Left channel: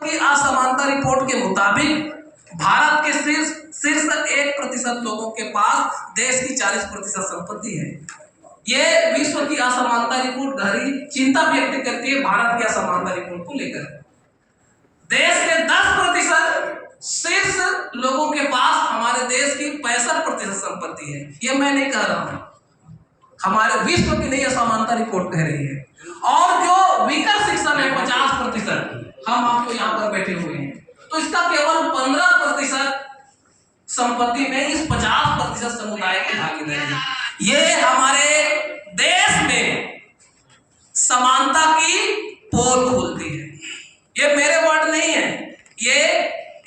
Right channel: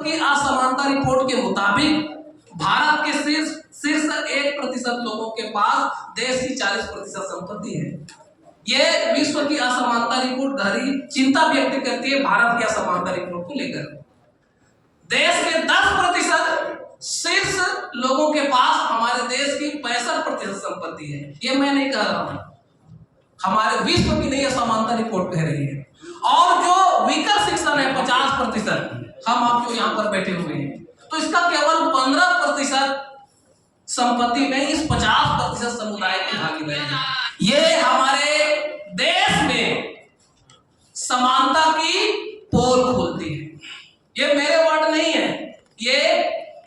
की असमानता रिपोर्ट के मुताबिक भारत के शीर्ष 1% लोगों के पास देश की 40% संपत्ति है। ये विश्व की असमानता रिपोर्ट गहरी चिंता व्यक्त करती है भारत की असमानता रिपोर्ट को लेकर। देश के 10% शीर्ष लोगों के पास हमारे देश की 65% संपत्ति है। ये मैं नहीं कह रहा हूं, हमारे विश्व की नई असमानता रिपोर्ट कह रही है। और जो वीकर सेक्शन है 50%, हम आपको यहाँ पर बैठे हुए हैं, तो इसका केवल 15% संपत्ति में इस 50% समुदाय की भागीदारी है। ये हमारे देश में समानता की पोल खोलती है। ये मेरे वर्ड नहीं है, ये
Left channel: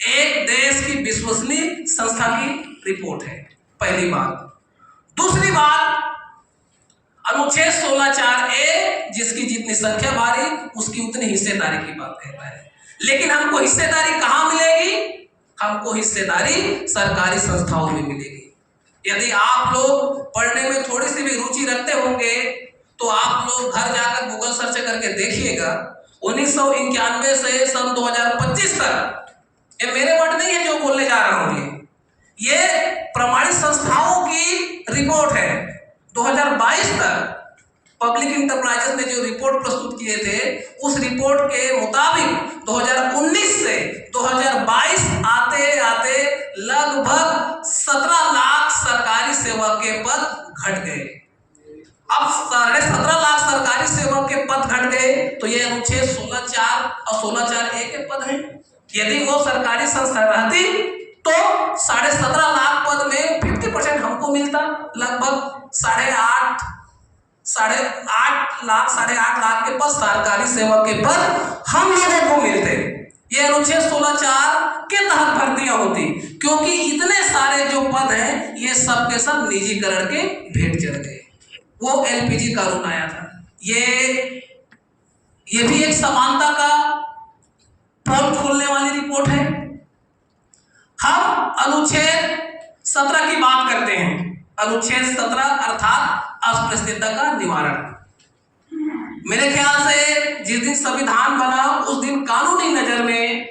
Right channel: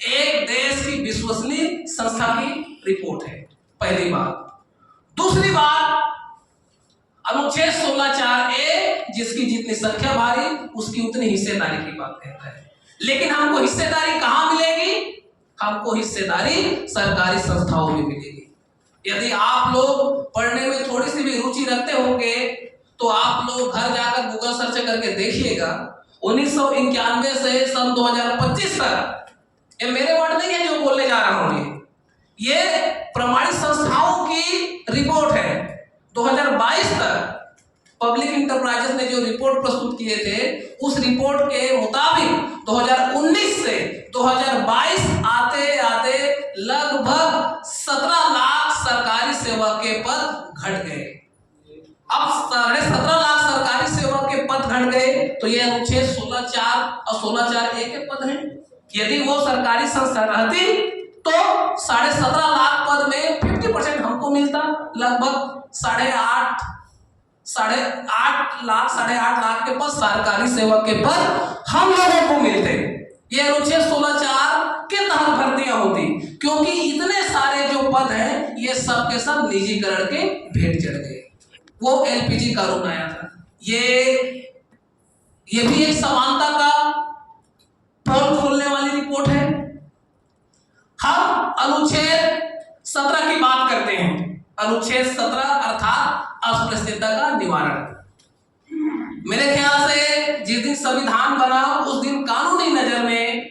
एक देश की विश्वसनीय संस्था की रिपोर्ट है। पहली बात। दूसरी बात, अनुच्छेद 16(4)(a) जिसकी जितनी संख्या भारी उसकी उतनी हिस्सेदारी की बात कहता है। लेकिन हमको हिस्सेदारी कहां मिलेगी? हमको हिस्सेदारी सरकारी संस्थाओं में मिलेगी। यदि आप लोग पढ़ने में थोड़ी सी भी रुचि रखते होंगे तो आप लोग घर जाकर गूगल सर्च करके देखिएगा, 1991 से सन 2025 तक, ये मेरे वर्ड नहीं है जो बोलने जा रहा हूं, ये प्रमाणित संस्थाओं की रिपोर्ट है। 2022 तक पब्लिक इंटरप्राइजेस ने जो रिपोर्ट प्रस्तुत किए थे, उस रिपोर्ट के मुताबिक 2019 से 2022 आते आते लगभग 17 लाख सरकारी सेवक के पद घट गए। अब 17.5 लाख सरकारी सेवक के पद घट गए तो ये अनुच्छेद 16(4) और 16(4)(a) के पद हैं। यदि वो सरकारी संस्था रहती तो 17.5 लाख पद में 50% हमको मिलता, लगभग 8.5 लाख के पद सरकारी सेवक के पद हम लोगों को मिलते। ये अनुच्छेद 16(4) के तहत भर्तियां होती, क्योंकि इतने सारे जो पद हैं ये सब के सब निजीकरण के भेंट चढ़ गए। वो एलपीजी कानून आया था, ये भी एक समानता का पोल खोलने वाली रिपोर्ट है। हम अनुच्छेद 17 की बात करते हैं। अनुच्छेद 17 अर्थात अस्पृश्यता का निवारण। मेरे ख्याल से जिस दिन संविधान बना उस दिन कानूनी नजर में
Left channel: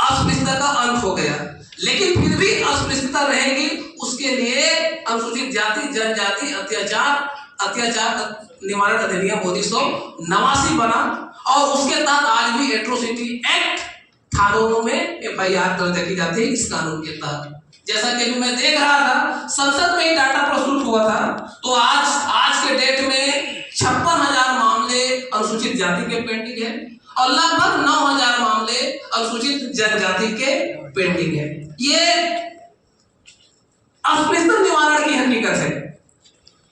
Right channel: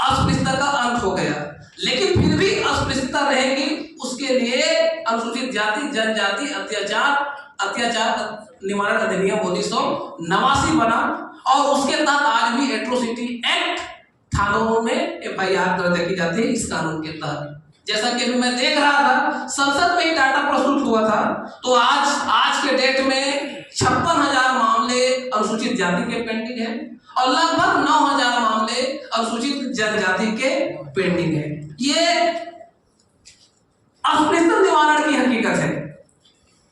अस्पृश्यता का अंत हो गया, लेकिन फिर भी अस्पृश्यता रहेगी। उसके लिए अनुसूचित जाति जनजाति अत्याचार निवारण अधिनियम 1989 बना और उसके तहत आज भी एट्रोसिटी एक्ट थानों में FIR दर्ज की जाती है इस कानून के तहत। जैसा कि अभी मैं देख रहा था, संसद में ही डाटा प्रस्तुत हुआ था, तो आज के डेट में 56,000 मामले अनुसूचित जाति के पेंडिंग है और लगभग 9,000 मामले अनुसूचित जनजाति के पेंडिंग है। ये अस्पृश्यता निवारण की हकीकत है।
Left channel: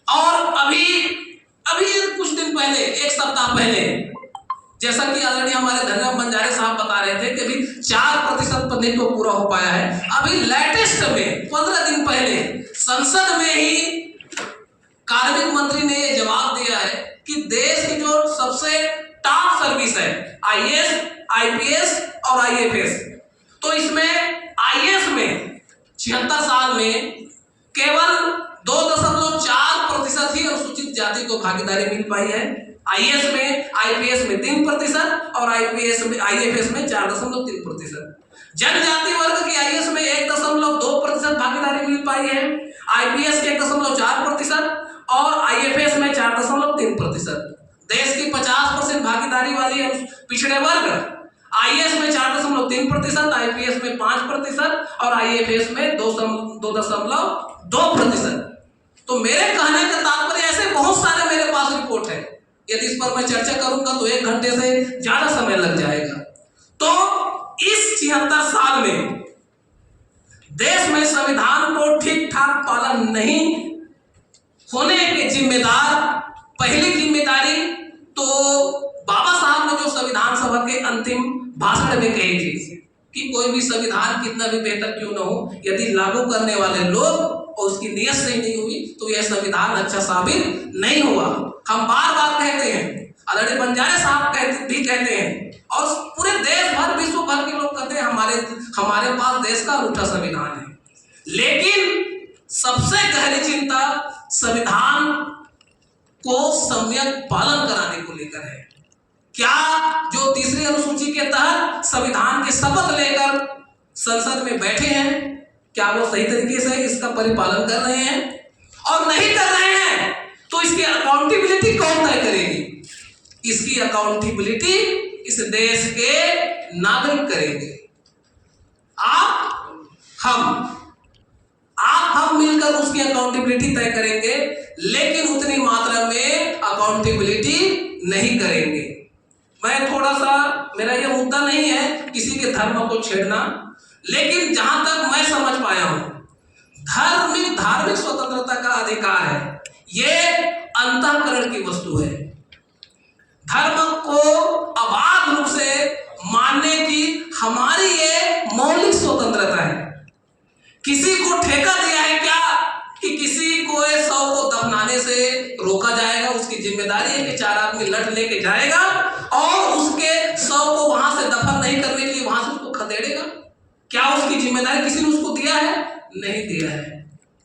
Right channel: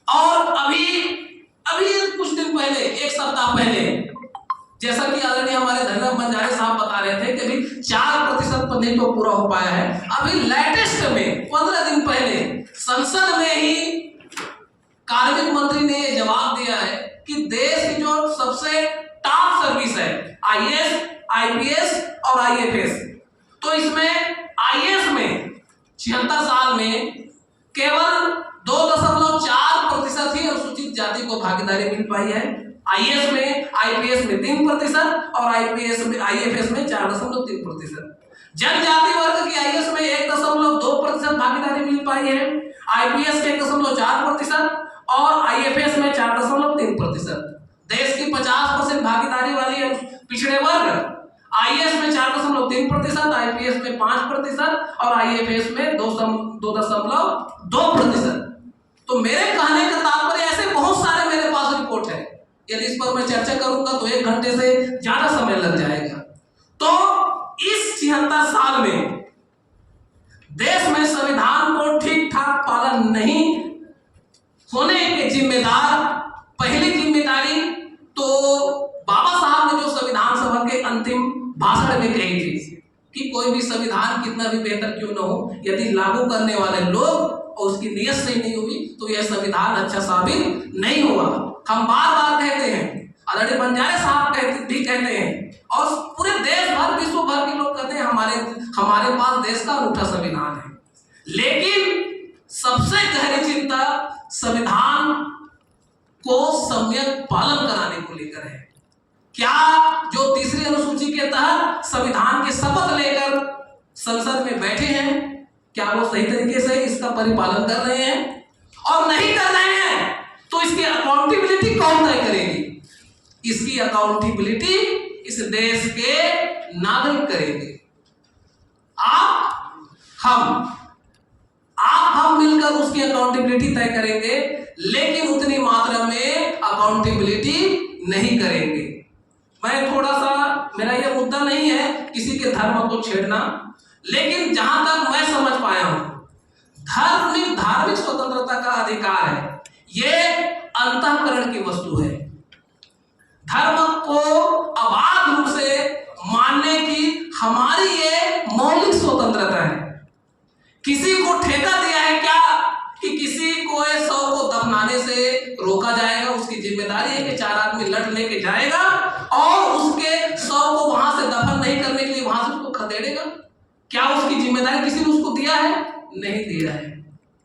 और अभी कुछ दिन पहले, एक सप्ताह पहले, जैसा कि आदरणीय हमारे धन्यवाद बंजारे साहब बता रहे थे कि अभी 4% पर नहीं तो पूरा हो पाया है। अभी लेटेस्ट में 15 दिन पहले संसद में ही कार्मिक मंत्री ने यह जवाब दिया है कि देश की जो सबसे टॉप सर्विस है IAS, IPS और IFS, तो इसमें IAS में 76 साल में केवल 2.4% ही अनुसूचित जाति को भागीदारी मिल पाई है। IAS में, IPS में 3% और IFS में 4.3%। जनजाति वर्ग की IAS में 1.2% भागीदारी मिल पाई है, IPS के 1.4% और IFS में 4.3%। देश की 50% भागीदारी वाली पिछड़े वर्ग IAS में 4.3%, IPS में 5% और IFS में 2.2%। तो मेरे कहने का तात्पर्य ऐसे बहुत सारे मेरे पास रिपोर्ट है, यदि इस पर मैं चर्चा करूंगा तो 1 घंटे से ज्यादा समय लग जाएगा। तो इस 76 साल में देश में संविधान को ठीक ठाक पालन नहीं होने के जिम्मेदार, पहली जिम्मेदारी तो बाबा साहब ने जो संविधान सभा के अंतिम भाषण में कही थी कि कोई भी संविधान कितना भी बेहतर क्यों न हो, यदि लागू करने वाले लोग और उसकी नियत सही नहीं हुई तो यह संविधान अच्छा साबित नहीं हुआ। हम बार बार कहते हैं, आदरणीय बंजारे साहब कहते हैं और पूरे देश भर, विश्व भर के लोग कहते हैं हमारे पास देश का अनूठा संविधान है। लेकिन सबसे गहरी चिंता संविधान को सम्यक पालन कराने को लेकर है। क्या जो तीसरी अनुसूची के तहत संविधान की शपथ लेकर संसद में बैठे हैं, क्या वो सही तरीके से इसका परिपालन कर रहे हैं? और नहीं कर रहे हैं तो इसकी अकाउंटेबिलिटी कौन तय करेगी? इसकी अकाउंटेबिलिटी इस देश के नागरिक करेंगे। आप हम मिलकर उसकी अकाउंटेबिलिटी तय करेंगे, लेकिन उतनी मात्रा में अकाउंटेबिलिटी नहीं करेंगे। मैं थोड़ा सा, मेरा यह मुद्दा नहीं है किसी के धर्म को छेड़ना, लेकिन जहां तक मैं समझ पाया हूं, धार्मिक स्वतंत्रता का अधिकार है, यह अंतःकरण की वस्तु है। धर्म को अबाध रूप से मानने की हमारी ये मौलिक स्वतंत्रता है। किसी को ठेका दिया है क्या कि किसी को 100 को दफनाने से रोका जाएगा? उसकी जिम्मेदारी है कि 4 आदमी लठ लेके जाएगा और उसके 100 को वहां से दफन नहीं करने के लिए वहां से उसको खदेड़ेगा। क्या उसकी जिम्मेदारी किसी ने उसको दिया है? नहीं दिया है।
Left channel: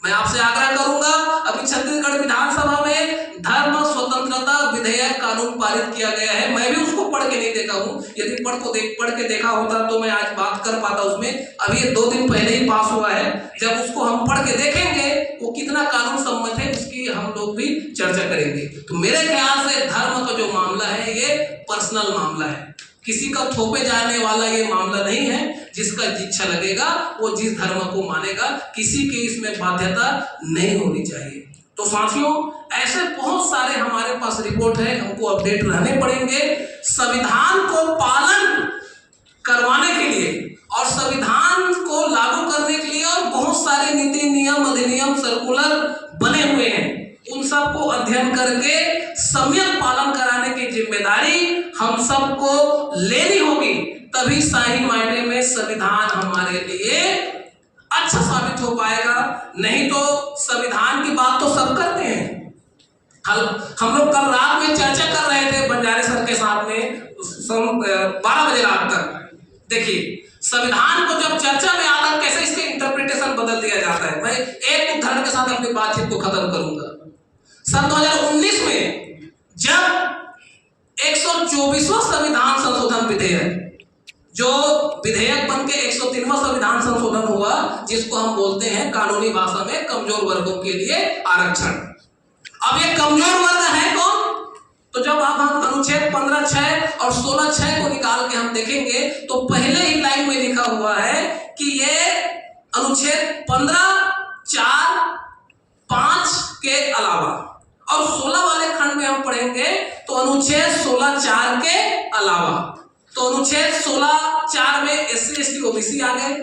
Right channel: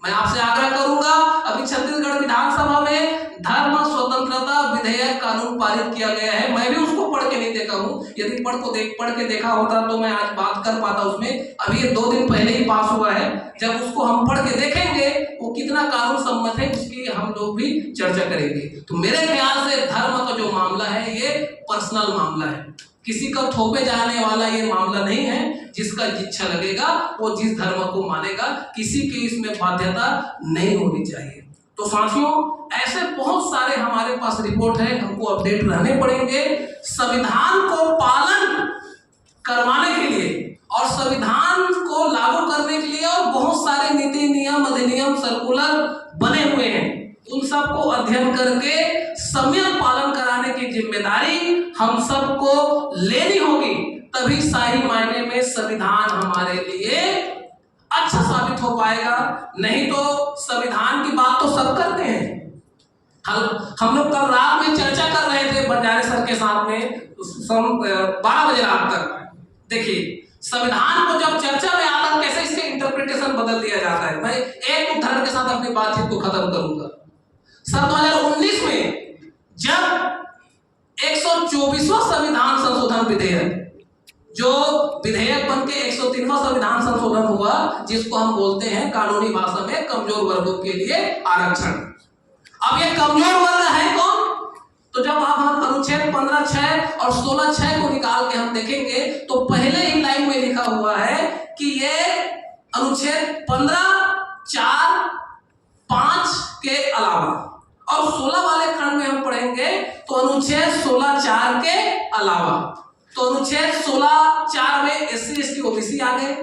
मैं आपसे आग्रह करूंगा, अभी छत्तीसगढ़ विधानसभा में धर्म स्वतंत्रता विधेयक कानून पारित किया गया है। मैं भी उसको पढ़ के नहीं देखा हूं, यदि पढ़ के देखा होता तो मैं आज बात कर पाता उसमें। अभी ये 2 दिन पहले ही पास हुआ है। जब उसको हम पढ़ के देखेंगे वो कितना कानून सम्मत है, उसकी हम लोग भी चर्चा करेंगे। तो मेरे ख्याल से धर्म का जो मामला है ये पर्सनल मामला है, किसी का थोपे जाने वाला ये मामला नहीं है। जिसका इच्छा लगेगा वो जिस धर्म को मानेगा, किसी की इसमें बाध्यता नहीं होनी चाहिए। तो साथियों, ऐसे बहुत सारे हमारे पास रिपोर्ट है, हमको अपडेट रहने पड़ेंगे संविधान को पालन करवाने के लिए और संविधान को लागू करने के लिए। और बहुत सारे नीति, नियम, अधिनियम, सर्कुलर बने हुए हैं, उन सबको अध्ययन करके सम्यक पालन कराने की जिम्मेदारी हम सबको लेनी होगी। तभी सही मायने में संविधान हमारे लिए अच्छा साबित हो पाएगा। नहीं तो संविधान की बात तो सब करते हैं। हम लोग कल रात में चर्चा कर रहे थे बंजारे सर के साथ में 12 बजे रात तक। देखिए, संविधान को जब चर्चा में आता कैसे इसके इंटरप्रिटेशन बदल दिया जाता है। मैं एक उदाहरण के साथ अपनी बातचीत को खत्म करूंगा। सन 2019 में जब 124वां संविधान संशोधन विधेयक, जो विधेयक बनके 103वां संविधान संशोधन हुआ, जिसको हम बोलते हैं कानूनी भाषा में कमजोर वर्गों के लिए आरक्षण। अब ये कमजोर वर्ग है कौन? तो जब हम अनुच्छेद 15(6) और 16(6) को निकाल के हम देखेंगे तो पहले ही लाइन में लिखा हुआ है कि ये अनुच्छेद 15(4), 5 के अलावा, और 16 वाले खंड में हम पढ़ेंगे तो अनुच्छेद 16(4) के अलावा। तो अनुच्छेद 16(4) में SC, ST, OBC आ गए,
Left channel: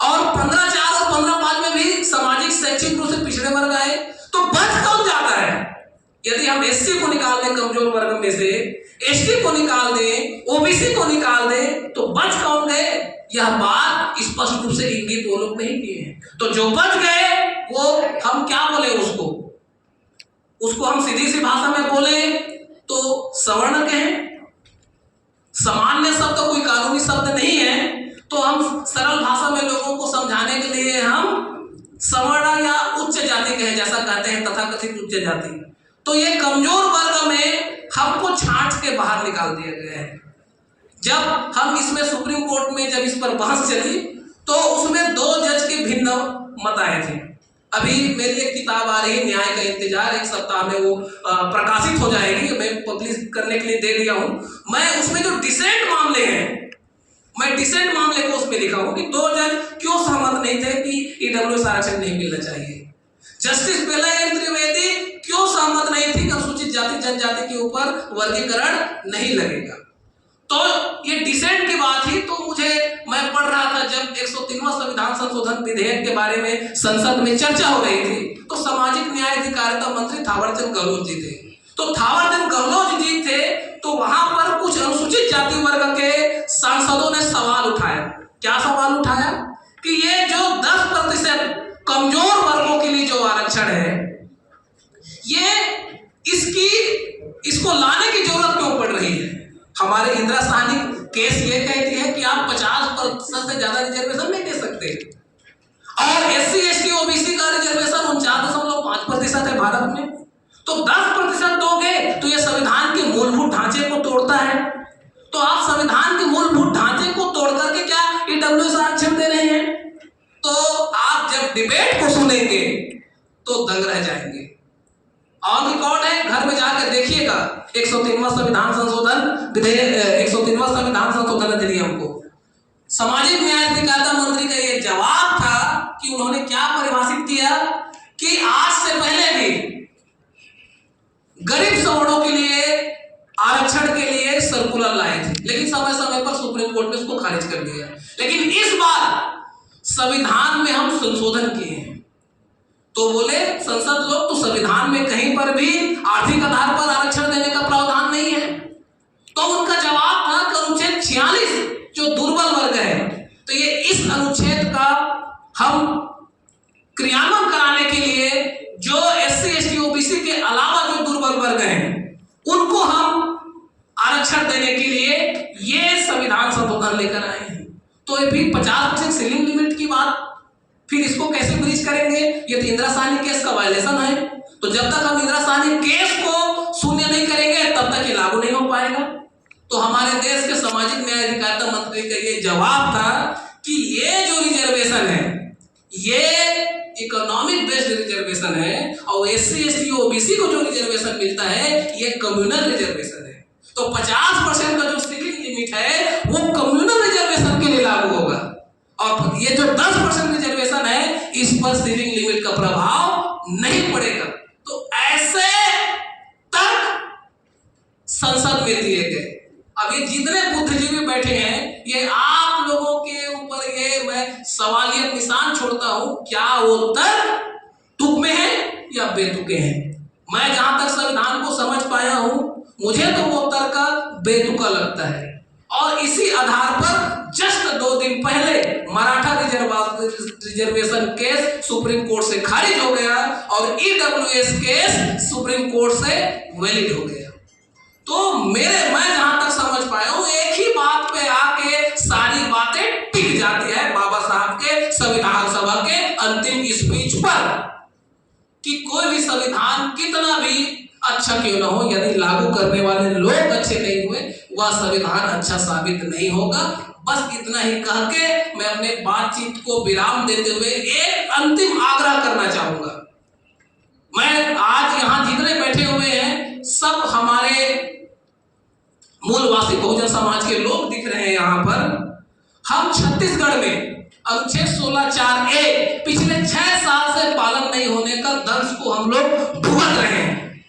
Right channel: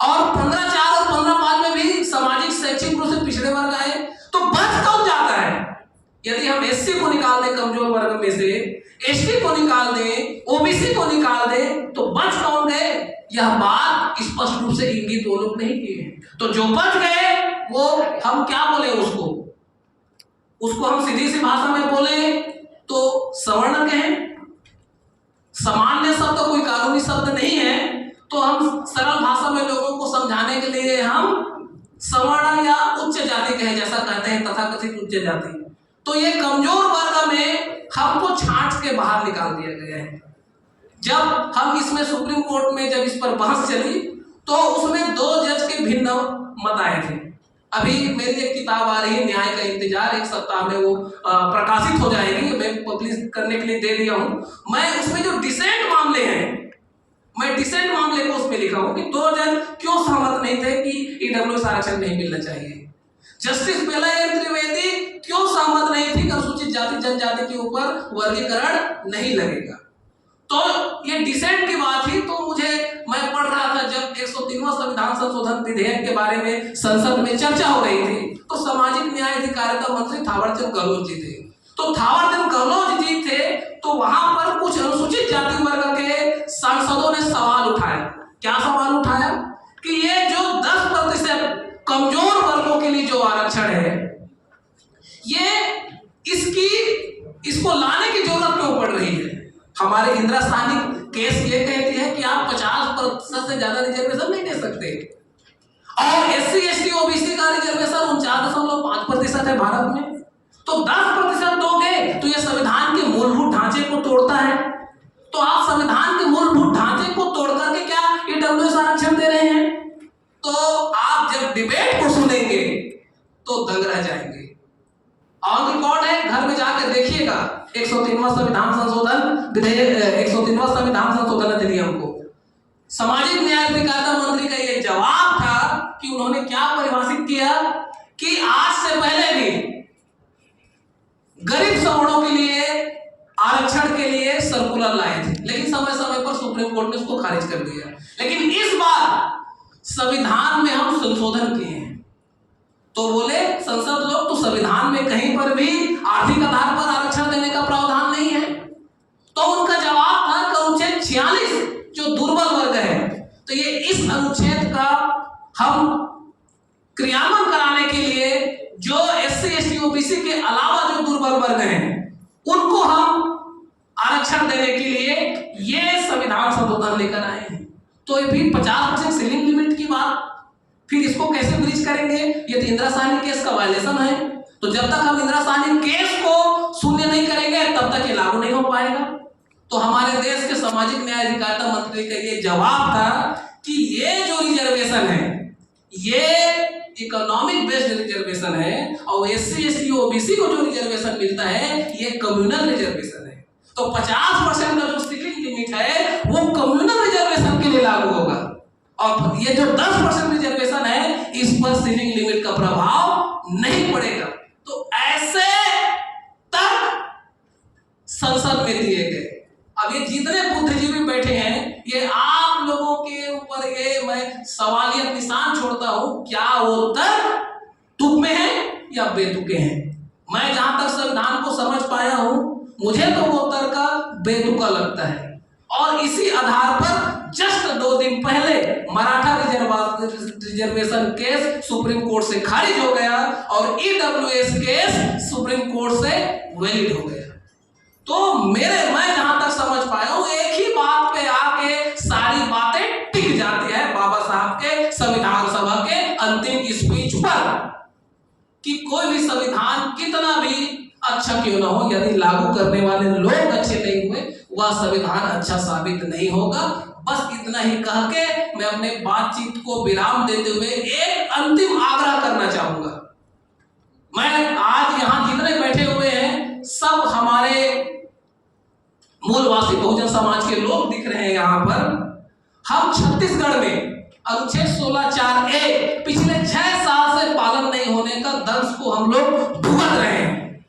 और 15(4) और 15(5) में भी सामाजिक शैक्षिक रूप से पिछड़े वर्ग आए। तो बच कौन जाता है? यदि हम SC को निकाल दें कमजोर वर्ग में से, ST को निकाल दें, OBC को निकाल दें, तो बच कौन गए? यह बात स्पष्ट रूप से इंगित वो लोग नहीं किए हैं। तो जो बच गए वो हम क्या बोले उसको हम सीधी सी भाषा में बोले तो सवर्ण कहें। सामान्य शब्द कोई कानूनी शब्द नहीं है, तो हम सरल भाषा में लोगों को समझाने के लिए हम सवर्ण या उच्च जाति कहें, जैसा कहते हैं तथाकथित उच्च जाति। तो ये कमजोर वर्ग में हमको छांट के बाहर निकाल दिया गया है। जब हम इसमें सुप्रीम कोर्ट में जब इस पर बहस चली तो उसमें 2 जज के भिन्न मत आए थे। अभी मेरी एक किताब आ रही है, न्याय का इंतजार, 1 सप्ताह में वो प्रकाशित हो जाएगी, मैं पब्लिश करने के लिए दे दिया हूं। मैं उसमें जो डिसेंट मामले हैं, मैं डिसेंट मामले को उसमें लिखा हूं कि 2 जज क्यों सहमत नहीं थे कि EWS आरक्षण नहीं मिलना चाहिए। जस्टिस बेला एम त्रिवेदी क्यों सहमत नहीं थी कि अनुसूचित जाति जनजाति के ऊपर वर्गीकरण नहीं लगेगा। तो ये डिसेंट की बात ही, तो मैं पढ़ रहा था जब 103वां संविधान संशोधन विधेयक के बारे में संसद में चर्चा हो रही थी, तो सामाजिक न्याय अधिकारिता मंत्री थावरचंद गहलोत जी थे। तो थावरचंद गहलोत जी थे, तो वहां पर कुछ अनुसूचित जाति वर्ग के सांसदों ने सवाल उठाया। क्या सवाल उठाया? कि ये जो 10% कमजोर वर्गों के लिए जो आरक्षण है, इसको लाने की जरूरत क्यों पड़ रही है? हमारे इंदिरा साहनी केस ये कहती है कि आप 50% से ज्यादा रिजर्वेशन नहीं दे सकते, और SC, ST, OBC का रिजर्वेशन 49.5% है भारत में। तो 10% दोगे तो ये संविधान के मूलभूत ढांचे को तोड़ता है। तो आप संविधान के मूलभूत ढांचे को डिबेट को सुनेंगे तो दंग रह जाएंगे। ऑन रिकॉर्ड है, घर में जाकर देखिएगा 103वां संविधान संशोधन विधेयक, 103वां संविधान संशोधन अधिनियम को। सामाजिक न्याय अधिकारिता मंत्री का ये जवाब था कि उन्होंने क्या परिभाषित किया कि आज से पहले भी गरीब सवर्णों के लिए आरक्षण के लिए सर्कुलर लाए थे, लेकिन समय समय पर सुप्रीम कोर्ट ने उसको खारिज कर दिया। लेकिन इस बार संविधान में हम संशोधन किए हैं। तो बोले संसद लोग, तो संविधान में कहीं पर भी आर्थिक आधार पर आरक्षण देने का प्रावधान नहीं है। तो उनका जवाब था कि अनुच्छेद 46 जो दुर्बल वर्ग है, तो ये इस अनुच्छेद का हम क्रियान्वयन कराने के लिए जो SC ST OBC के अलावा जो दुर्बल वर्ग हैं उनको हम आरक्षण देने के लिए ये संविधान संशोधन लेकर आए हैं। तो ये भी 50% सीलिंग लिमिट की बात, फिर इसको कैसे ब्रीच करेंगे? ये तो इंदिरा साहनी केस का वायलेशन है। तो जब तक हम इंदिरा साहनी केस को शून्य नहीं करेंगे तब तक ये लागू नहीं हो पाएगा। तो हमारे देश के सामाजिक न्याय अधिकारिता मंत्री का ये जवाब था कि ये जो रिजर्वेशन है ये इकोनॉमिक बेस्ड रिजर्वेशन है और SC ST OBC को जो रिजर्वेशन मिलता है ये कम्युनल रिजर्वेशन है। तो 50% का जो सीलिंग लिमिट है वो कम्युनल रिजर्वेशन के लिए लागू होगा और ये जो 10% रिजर्वेशन है इस पर सीलिंग लिमिट का प्रभाव नहीं पड़ेगा। तो ऐसे तर्क संसद में दिए गए। अब ये जितने बुद्धिजीवी बैठे हैं ये आप लोगों के ऊपर ये मैं सवालियत निशान छोड़ता हूं, क्या वो तर्क तुक में है या बेतुके हैं? मैं जहां तक संविधान को समझ पाया हूं मुझे तो वो तर्क बेतुका लगता है। और इसी आधार पर जस्ट 2 दिन पहले Maratha reservation case supreme court से खारिज हो गया और EWS केस सुप्रीम कोर्ट से वैलिड हो गया। तो मैं जहां तक समझ पाया हूं एक ही बात पे आके सारी बातें टिक जाती है बाबा साहब के संविधान सभा के अंतिम स्पीच पर कि कोई भी संविधान कितना भी अच्छा क्यों ना हो, यदि लागू करने वाले लोग अच्छे नहीं हुए वह संविधान अच्छा साबित नहीं होगा। बस इतना ही कह के मैं अपने बातचीत को विराम देते हुए एक अंतिम आग्रह करना चाहूंगा। मैं आज यहां जितने बैठे हुए हैं सब हमारे मूलवासी बहुजन समाज के लोग दिख रहे हैं। यहां पर हम छत्तीसगढ़ में अनुच्छेद 16(4)A पिछले 6 साल से पालन नहीं होने का दंश को हम लोग भुगत रहे हैं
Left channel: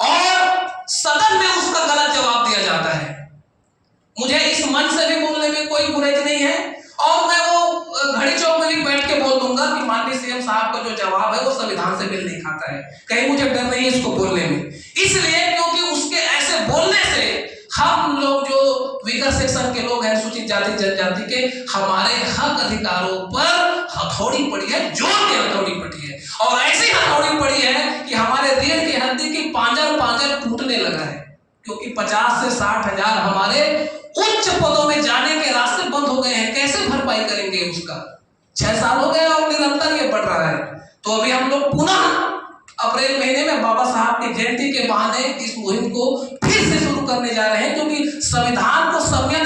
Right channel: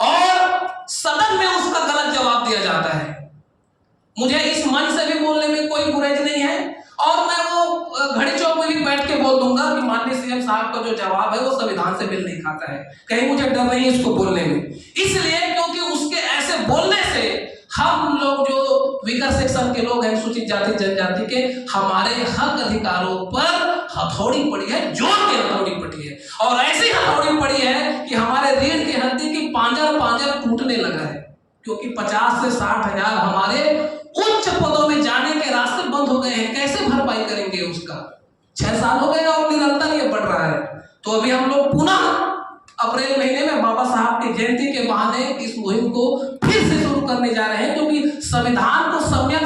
और सदन में उसका गलत जवाब दिया जाता है। मुझे इस मंच से भी बोलने में कोई गुरेज नहीं है और मैं वो घड़ी चौक में भी बैठ के बोल दूंगा कि माननीय CM साहब का जो जवाब है वो संविधान से मेल नहीं खाता है। कहीं मुझे डर नहीं है इसको बोलने में, इसलिए क्योंकि उसके ऐसे बोलने से हम लोग जो वीकर सेक्शन के लोग हैं, अनुसूचित जाति जनजाति के, हमारे हक अधिकारों पर हथौड़ी पड़ी है, जोर की हथौड़ी पड़ी है और ऐसी हथौड़ी पड़ी है कि हमारे रीढ़ की हड्डी की पांजर टूटने लगा है। क्योंकि 50 से 60 हजार हमारे उच्च पदों में जाने के रास्ते बंद हो गए हैं। कैसे भरपाई करेंगे उसका? 6 साल हो गए और निरंतर ये बढ़ रहा है। तो अभी हम लोग पुनः अप्रैल महीने में बाबा साहब की जयंती के बहाने इस मुहिम को फिर से शुरू करने जा रहे हैं, क्योंकि संविधान को सम्यक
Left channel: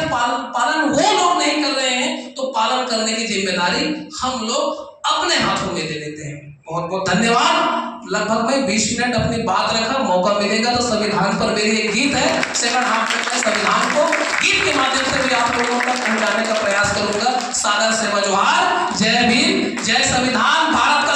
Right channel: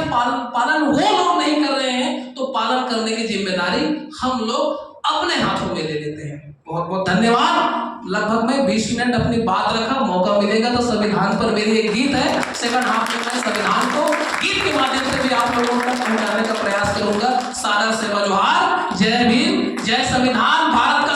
पालन वो लोग नहीं कर रहे हैं तो पालन करने की जिम्मेदारी हम लोग अपने हाथों में ले लेते हैं। बहुत बहुत धन्यवाद। लगभग मैं 20 मिनट अपनी बात रखा, मौका मिलेगा तो संविधान पर मेरी एक गीत है, सेकंड हाफ में मैं संविधान को गीत के माध्यम से भी आप लोगों तक पहुंचाने का प्रयास करूंगा। सादर सेवा जोहार, जय भीम, जय संविधान। भारत